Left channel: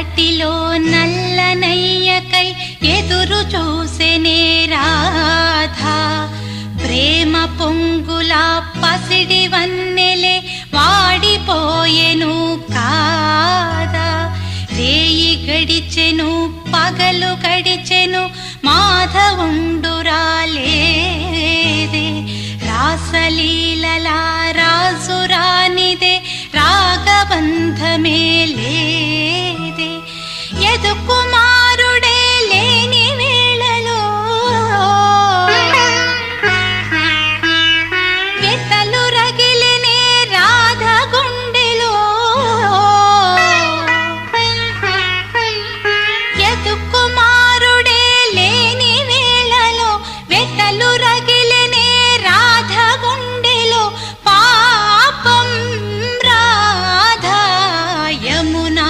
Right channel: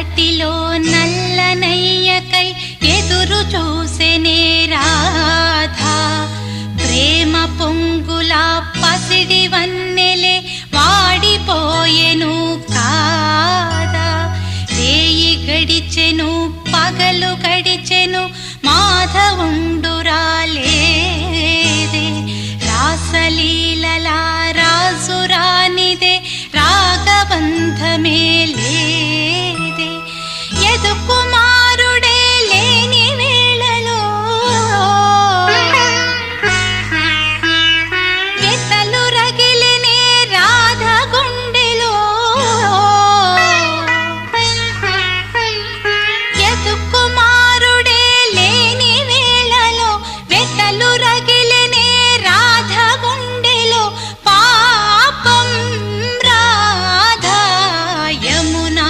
చీకటిలో నల్లనయ్యకై ఎదురు చూసెనే రాధా. ప్రేమ పొంగుల పసిడి వన్నెలే వాడిపోయెను కాదా. రేయి గడిచెను పగలు గడిచెను మాధవుండురాలేదే. రాసలీలలా రాజురానిదే రాగబంధమే